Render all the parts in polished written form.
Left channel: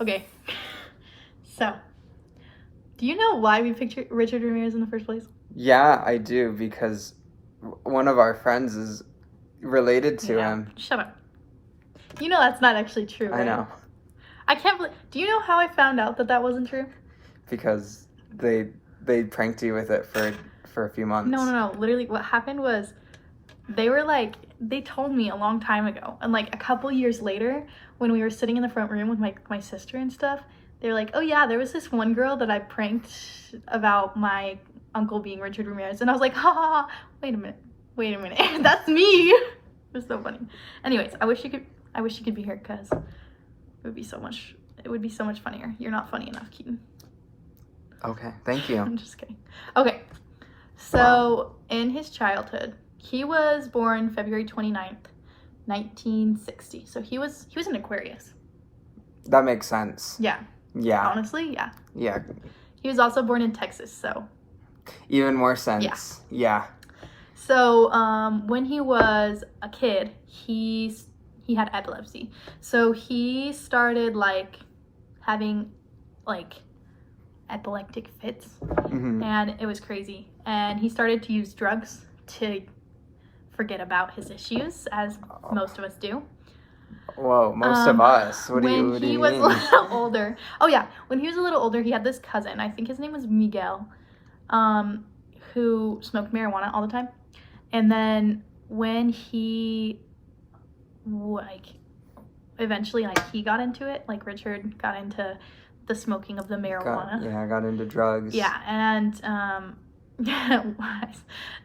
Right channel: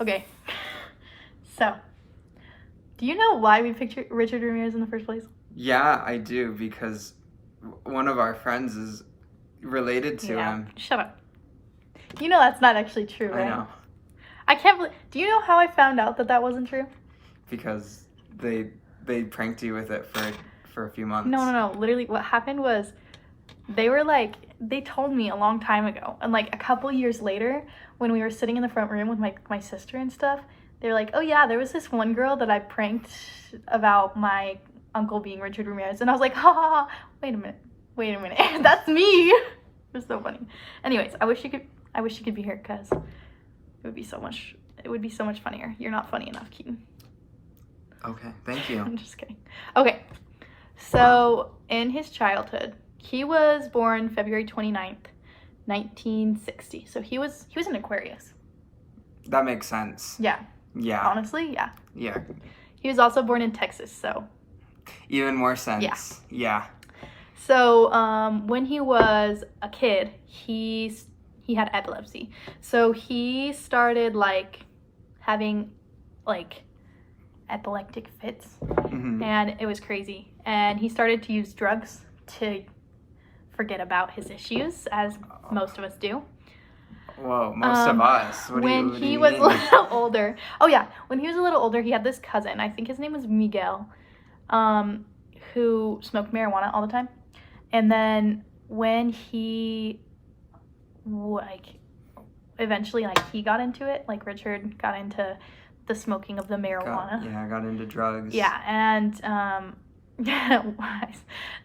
Okay. So, do you know why we picked Richard Ramirez in the first place? Yeah, I do, because one of our friends is related to him. Shut up. You know that's not actually true, right? I know. I can't believe... Do you know how I found out that wasn't true? Because they pranked you with it for a few months. No. Literally, what happened was they told me a long time ago. And, like, a couple years later, when we were sitting in the front room with my sister and stuff, they were like, oh, yeah, there was this one girl that I pranked about my uncle being Richard Ramirez. And I was like, ha, ha, ha. Wait a minute. That's me. It's so funny. Anyways, I wish you could be here because it would be so much funnier. You're not funny enough, Keaton. Okay, thank you. I'm just kidding. Okay, so in his childhood, he was born February 29th, 1960. So he was an Aquarius. That makes sense. Yeah. Yeah. Honestly, yeah. Yeah. He was also born in Texas, so. Even more sense. Yeah. So when he was a kid, he had epilepsy. So he started having epileptic fits, and it was crazy. And he started to use drugs to forget about his issues, as most of us do. Whoa, most of us. What do you mean? When he was a little older. Oh yeah, when he was a little older, he had this cousin. I think his name was Miguel, who smoked marijuana all the time. And then when he eventually he got into it, Richard got into the smoking of the marijuana. Got into drugs. Yeah, and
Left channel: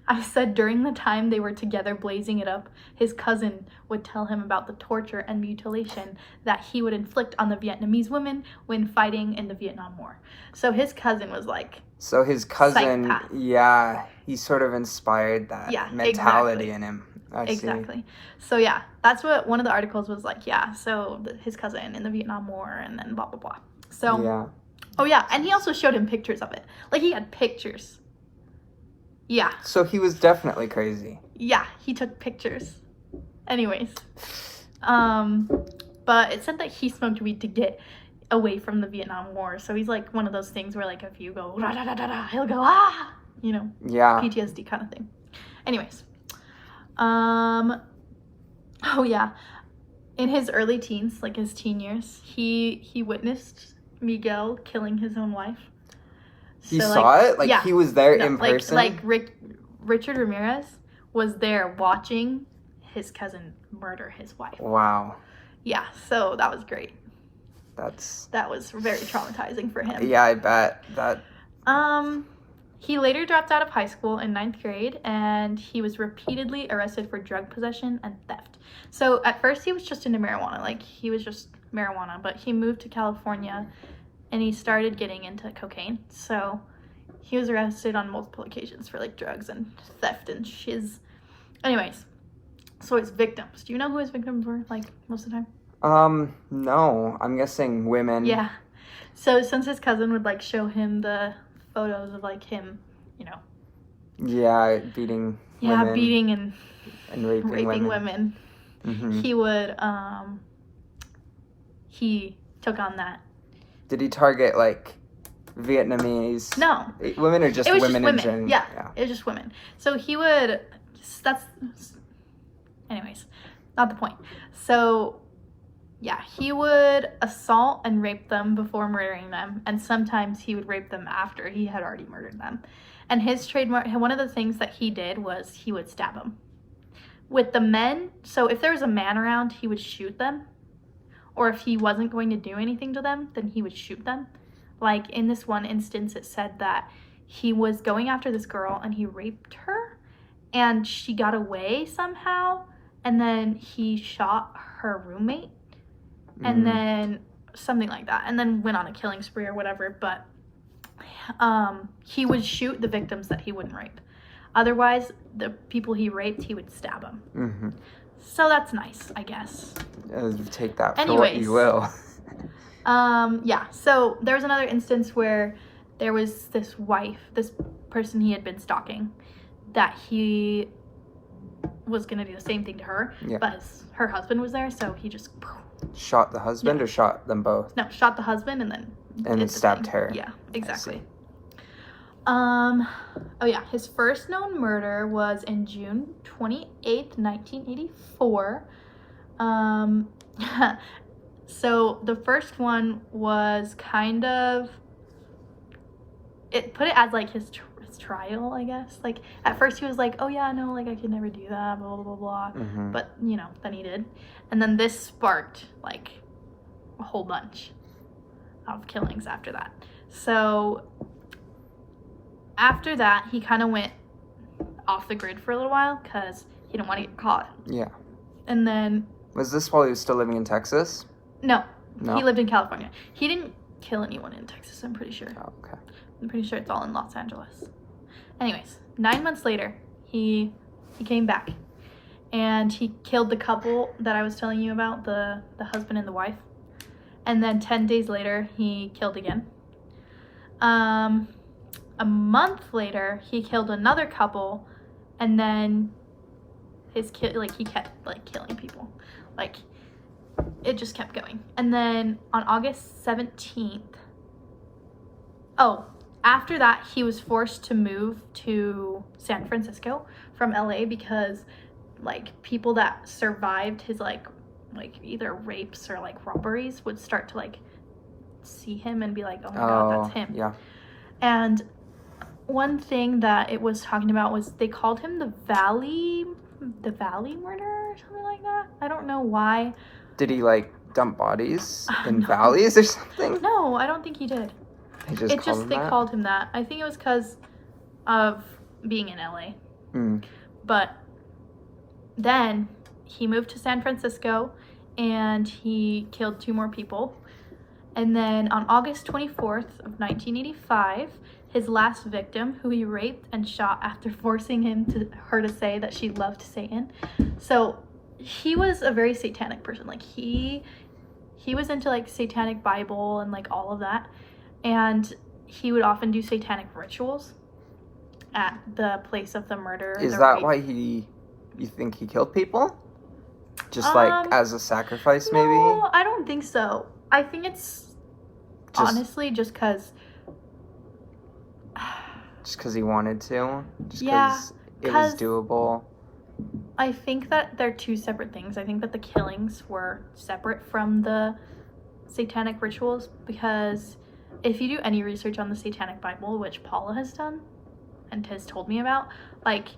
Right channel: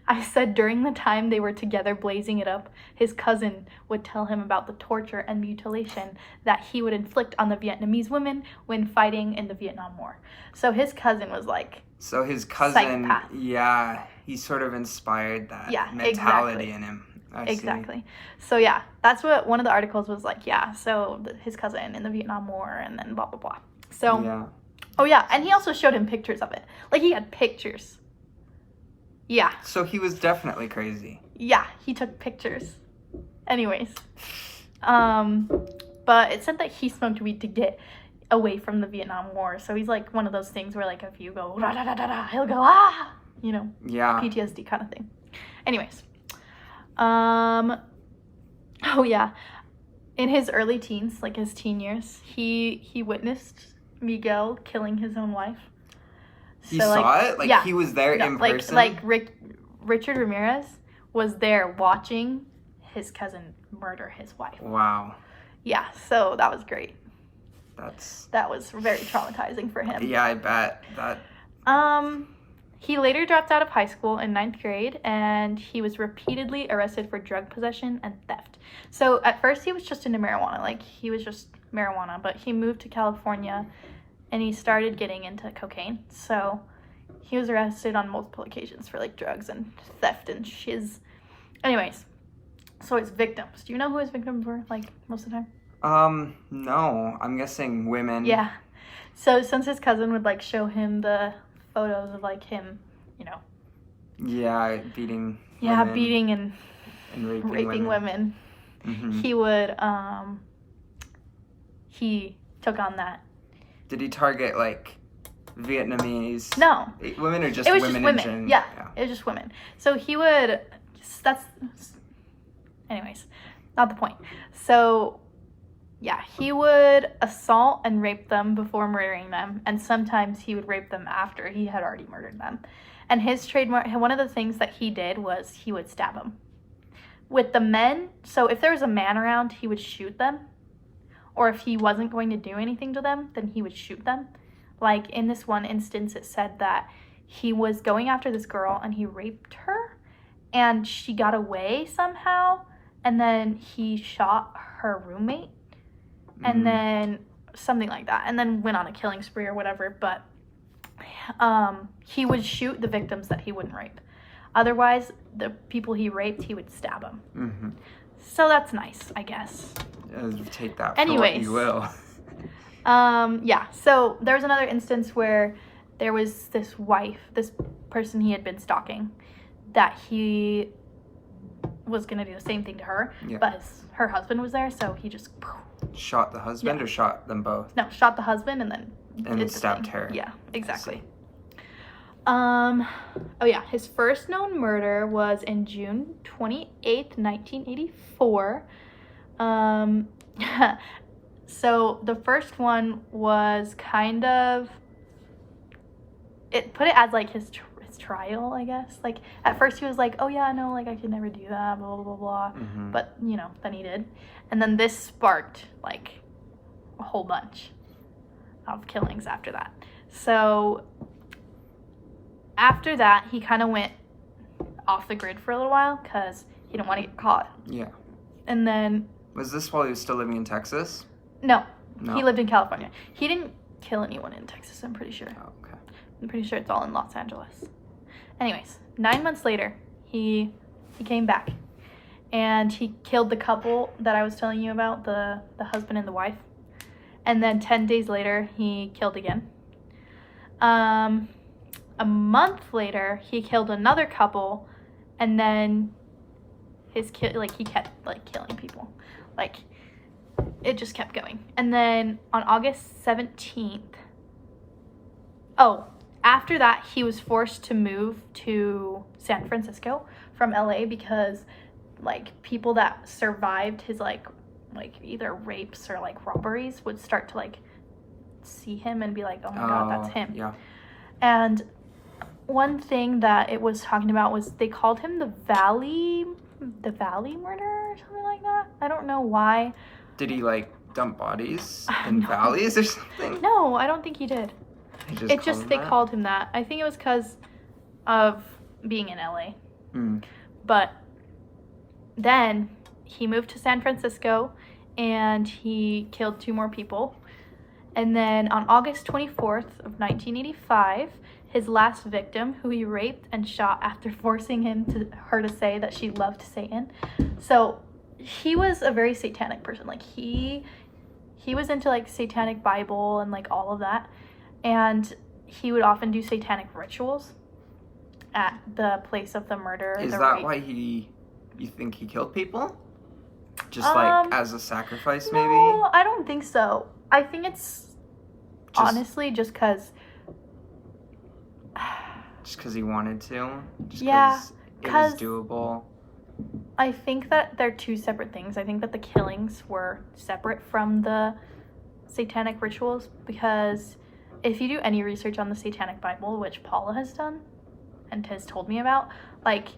I said during the time they were together blazing it up, his cousin would tell him about the torture and mutilation that he would inflict on the Vietnamese women when fighting in the Vietnam War. So his cousin was So his cousin, psychopath. He sort of inspired that mentality in him. Exactly. So yeah, that's what one of the articles was like. Yeah, so his cousin in the Vietnam War, and then blah blah blah. So yeah. Oh yeah, and he also showed him pictures of it. He had pictures. Yeah. So he was definitely crazy. Yeah, he took pictures. Anyways, but it said that he smoked weed to get away from the Vietnam War. So he's one of those things where if you go da da da da da, he'll go ah, Yeah. PTSD kind of thing. Anyways, oh yeah, in his early teens, his teen years, he witnessed Miguel killing his own wife. He saw it? Yeah, he was there in person? Richard Ramirez was there watching his cousin murder his wife. Wow. Yeah, so that was great. That was very traumatizing for him. Yeah, I bet. He later dropped out of high school in 9th grade, and he was repeatedly arrested for drug possession and theft. So at first he was just into marijuana, he was just marijuana, but he moved to California and he started getting into cocaine. So he was arrested on multiple occasions for drugs and theft and shiz. Anyways, so his victims. Do you know who his victims were most of the time? No. I'm guessing women. Yeah. So since his cousin would show him the photos of him, Yeah, beating women. Yeah, beating and raping women. Mm-hmm. He would he took on that. Did he target Vietnamese? No. Women or just women in general? Yeah, it was just women. So he would, anyways, not the point. So yeah, he would assault and rape them before murdering them, and sometimes he would rape them after he had already murdered them. And his trademark, one of the things that he did was he would stab them. With the men, so if there was a man around, he would shoot them. Or if he wasn't going to do anything to them, then he would shoot them. In this one instance, it said that he was going after this girl and he raped her and she got away somehow, and then he shot her roommate and then something like that, and then went on a killing spree or whatever. But he would shoot the victims that he wouldn't rape. Otherwise, the people he raped, he would stab them. Mm-hmm. So that's nice, I guess. Take that for what you will. Yeah, so there was another instance where there was this person he had been stalking, that he was going to do the same thing to her, but her husband was there, so he just shot the husband or shot them both? No, shot the husband and then stabbed her. Yeah, exactly. I see. Oh yeah, his first known murder was in June 28th, 1984. So the first one was kind of, it put it as like his trial, I guess. Like at first he was like, oh yeah, no, like I could never do that, blah blah blah blah. Mm-hmm. But you know, then he did, and then this sparked like a whole bunch of killings after that. So after that, he kind of went off the grid for a little while because he didn't want to get caught. Yeah. And then... Was this while he was still living in Texas? No. No? He lived in California. He didn't kill anyone in Texas, I'm pretty sure. Oh, okay. I'm pretty sure it's all in Los Angeles. Anyways, 9 months later, he came back. And he killed the couple that I was telling you about, the husband and the wife. And then 10 days later, he killed again. A month later, he killed another couple, and then he kept like killing people, like it just kept going. And then on August 17th, after that, he was forced to move to San Francisco from LA because like people that survived his like either rapes or like robberies would start to like see him and be like, oh my god, that's him. Yeah. And one thing that it was talking about was they called him the Valley murder or something like that. I don't know why. Did he like dump bodies in valleys or something? No, I don't think he did. They called him that. I think it was because of being in LA. But then he moved to San Francisco and he killed 2 more people. And then on August 24th of 1985, his last victim, who he raped and shot after forcing her to say that she loved Satan. So he was a very satanic person. Like he was into like satanic Bible and like all of that. And he would often do satanic rituals at the place of the murder. Is that why you think he killed people? Just like as a sacrifice, maybe? No, I don't think so. I think it's honestly just because... Just because he wanted to? Just yeah. It was doable? I think that they're 2 separate things. I think that the killings were separate from the satanic rituals because if you do any research on the Satanic Bible, which Paula has done and has told me about, like,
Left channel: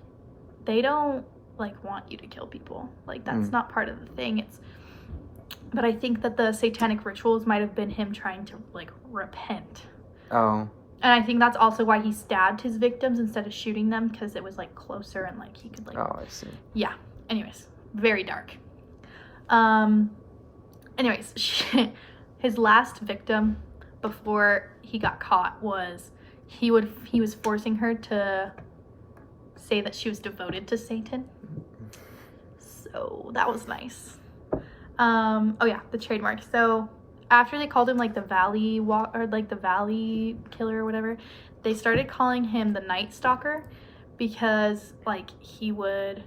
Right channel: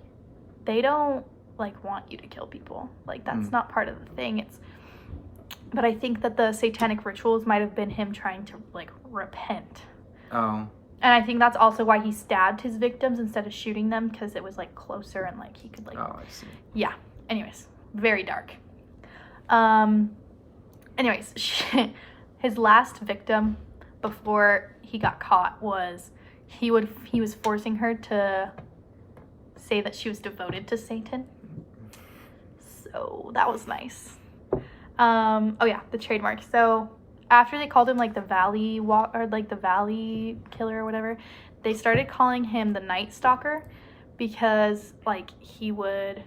they don't, like, want you to kill people. Like, that's not part of the thing. But I think that the satanic rituals might have been him trying to, like, repent. Oh. And I think that's also why he stabbed his victims instead of shooting them, because it was, like, closer and, like, he could, like... Oh, I see. Yeah. Anyways, very dark. Anyways, his last victim before he got caught was he was forcing her to say that she was devoted to Satan. So that was nice. Oh yeah, the trademark. So after they called him like the Valley the Valley Killer or whatever, they started calling him the Night Stalker because like he would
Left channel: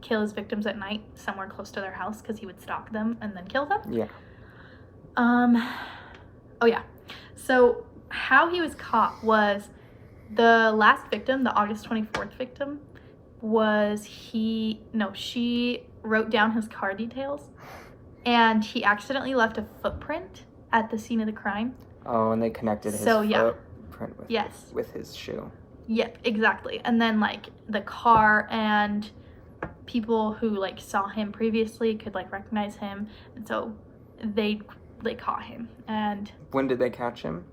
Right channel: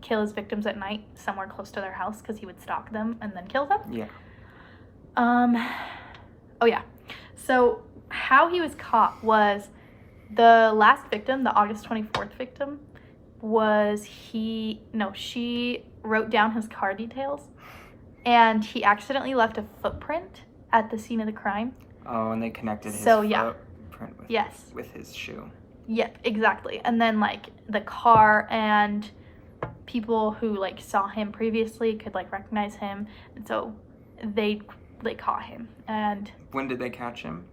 kill his victims at night somewhere close to their house because he would stalk them and then kill them. Yeah. Oh yeah. So how he was caught was the last victim, the August 24th victim, she wrote down his car details and he accidentally left a footprint at the scene of the crime. Oh, and they connected his footprint with with his shoe. Yep, exactly. And then like the car and people who like saw him previously could like recognize him, and so they caught him. And when did they catch him?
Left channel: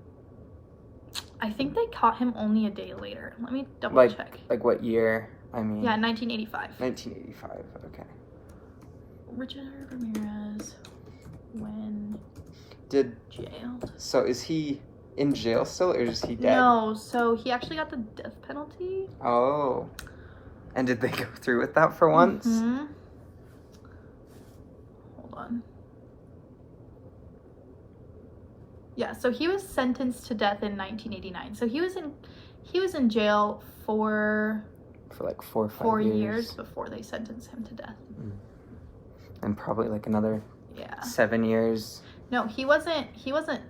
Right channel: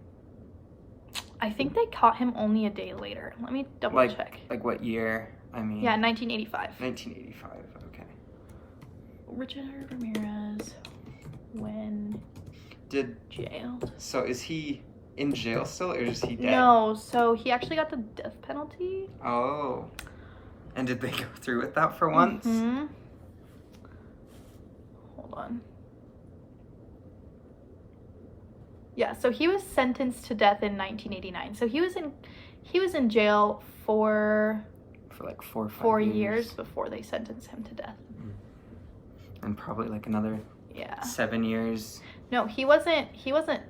I think they caught him only a day later. Let me double check. Like what year? I mean... Yeah, 1985. 1985, okay. Richard Ramirez, when jailed. So is he in jail still, or is he dead? No, so he actually got the death penalty. Oh. And did they go through with that for once? Mm-hmm. Hold on. Yeah, so he was sentenced to death in 1989. So he was in jail for like 4 or 5 4 years before they sentenced him to death. And probably like another Yeah. 7 years. No, he wasn't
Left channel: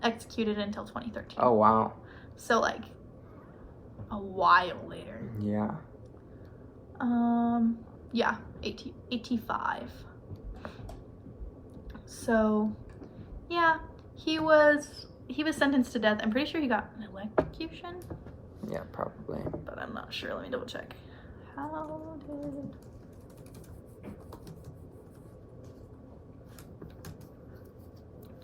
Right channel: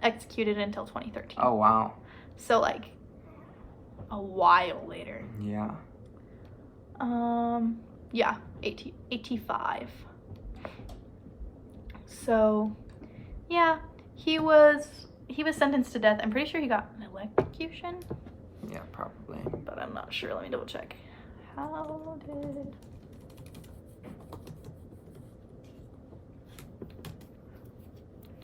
executed until 2013. Oh, wow. So, like, a while later. Yeah. Yeah, 85. So, yeah, he was sentenced to death. I'm pretty sure he got an electrocution. Yeah, probably. But I'm not sure. Let me double check. How did...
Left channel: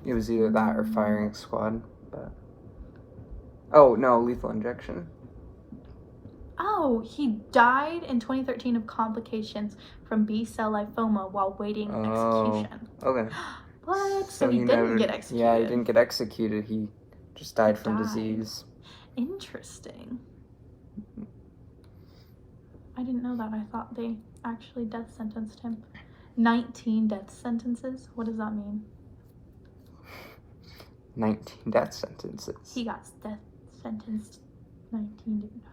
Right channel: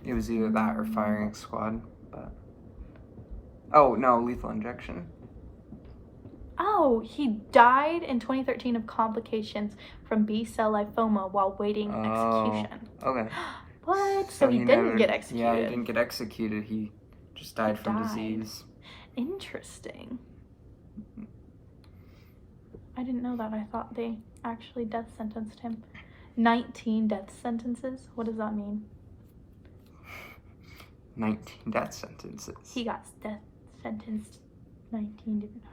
It was either that or firing squad, but... Oh, no, lethal injection. Oh, he died in 2013 of complications from B-cell lymphoma while waiting execution. Okay. What? So he didn't get executed. Yeah, he didn't get executed. He just died from disease. Interesting. I didn't know that. I thought they actually death sentenced him. 19 death sentences? What does that mean? 19 death sentences. He got death sentenced 19 different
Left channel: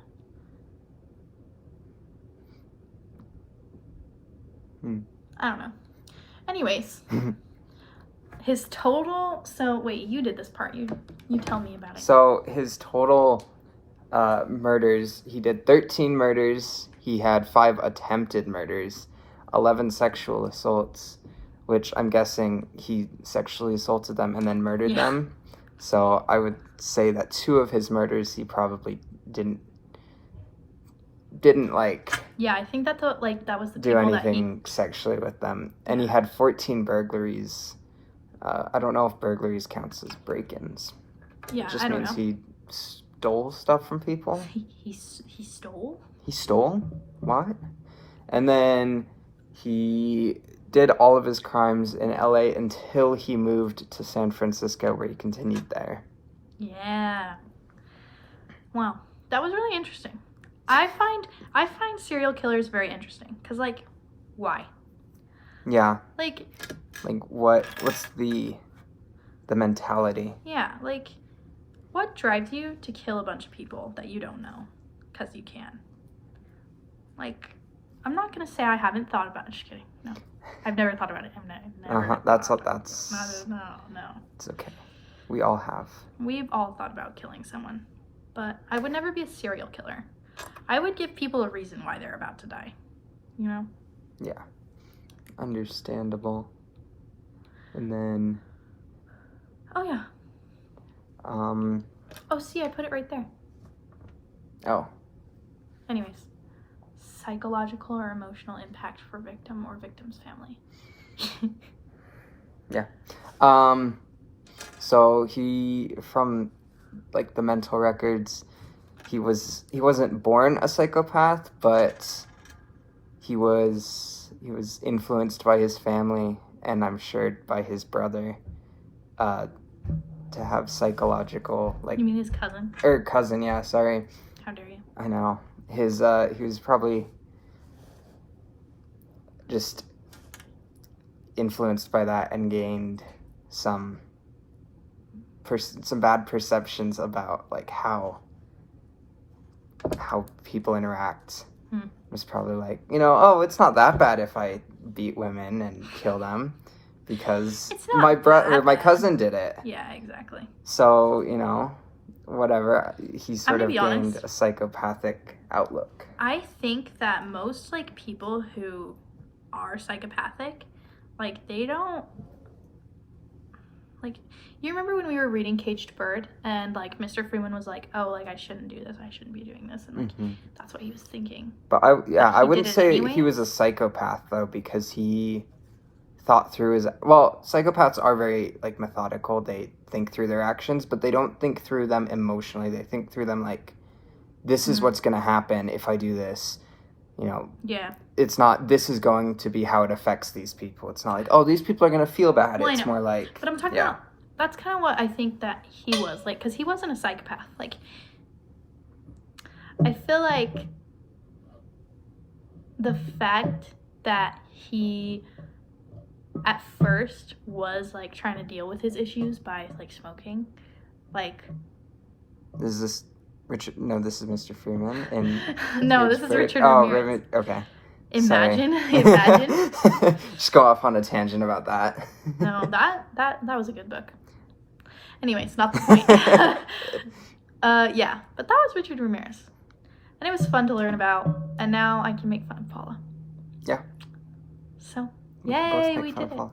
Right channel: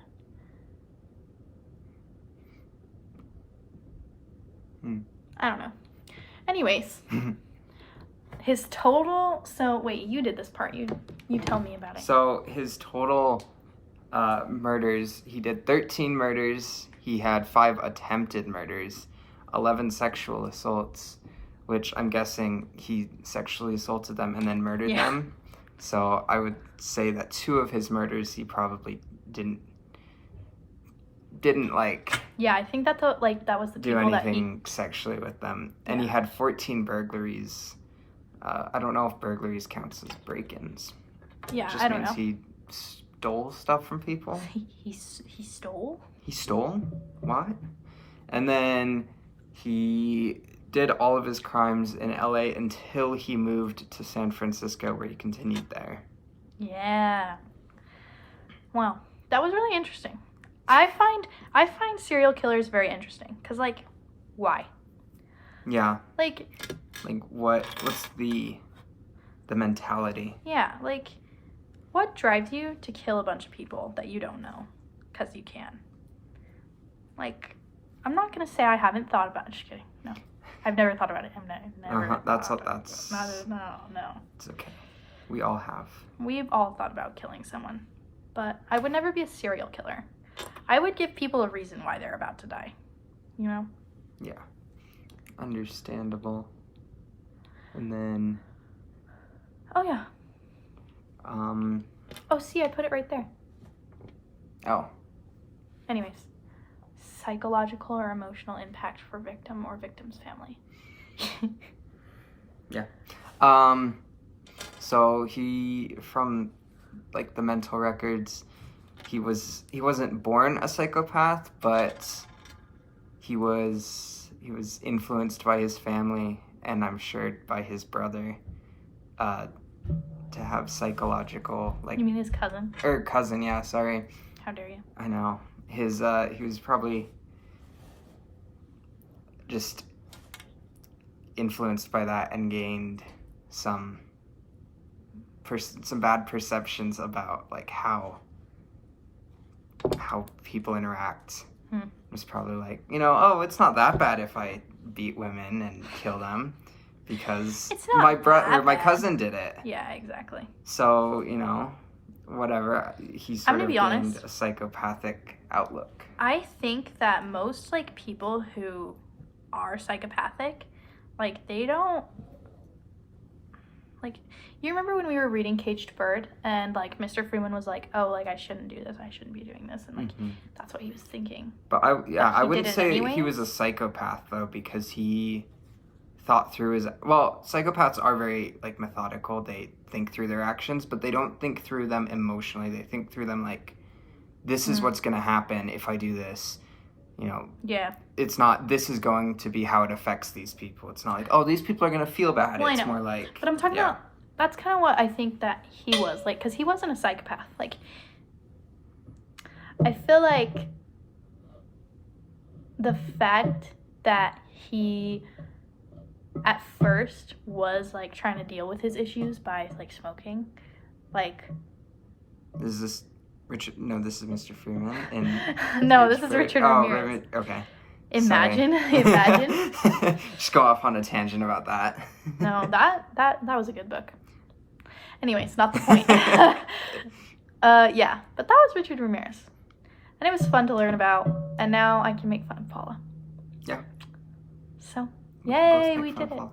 times. I don't know. Anyways, his total... So, wait, you did this part. You tell me about it. So, his total murders, he did 13 murders. He had 5 attempted murders, 11 sexual assaults, which I'm guessing he sexually assaulted them and then murdered them. So I would say that 2 of his murders he probably didn't like. Yeah, I think that was the do anything sexually with them. And he had 14 burglaries. I don't know if burglaries counts as break-ins. Yeah, it just means he stole stuff from people. He stole? He stole? What? And then he did all of his crimes in LA until he moved to San Francisco, where he continued there. Yeah. Wow. That was really interesting. I find serial killers very interesting. Because, like, why? Yeah. Like what's the mentality? Yeah, like, what drives you to kill a bunch of people that you don't know? Because you can. Like, I'm not going to say I haven't thought about it. Just kidding. No. I've never thought about it. I've never That's. No. It's okay. We all have. We've all thought about killing someone. But I would never be a serial killer. I would give people a reason why they're about to die. You know? Yeah. Understandable. And then... Oh, yeah. Oh, see, I put it right there. Oh. Anyways. Psychological or emotional impact for victim or victim's family. Yeah. So he, from like the mental records, he wasn't born a psychopath, but he was influenced by his family and I'm sure by his brother to have psychological, like... You mean his cousin? Or cousin, yeah, sorry. How dare you? I know. He was probably just influenced by that and gained some bad perceptions about like how people interact. It was probably like, oh, it's not that bad if I beat women and kill them because my cousin did it. Yeah, exactly. So, whatever, he sort of gained honest. A psychopathic outlook. I think that most like people who are psychopathic, like they don't like. You remember when we were reading Caged Bird and like Mr. Freeman was like, "Oh, like I shouldn't do this. I shouldn't be doing this," and like that's what he was thinking. But I wouldn't say he was a psychopath though, because he thought through his... Well, psychopaths are very, like, methodical. They think through their actions, but they don't think through them emotionally. They think through them like, this is what's going to happen if I do this. Yeah. It's not, this is going to be how it affects these people. It's not like, oh, these people are going to feel bad. Well, it's more like... But I'm talking about... That's kind of what I think that he was. Like, because he wasn't a psychopath. Like, I feel like the fact that he... at first was like trying to deal with his issues by like smoking, like... Is this Richard? No, this is Mr. Freeman. And no, this is Richard Ramirez. Ramirez. Okay. Imagine. Imagine. Just go off on a tangent about that. No, that was a good book. Anyways, not the point. Yeah, but that was Richard Ramirez. And it was fun to learn about, and now I can make fun of Paula. Yeah. So, We can both yay, make we fun of did it. Paula.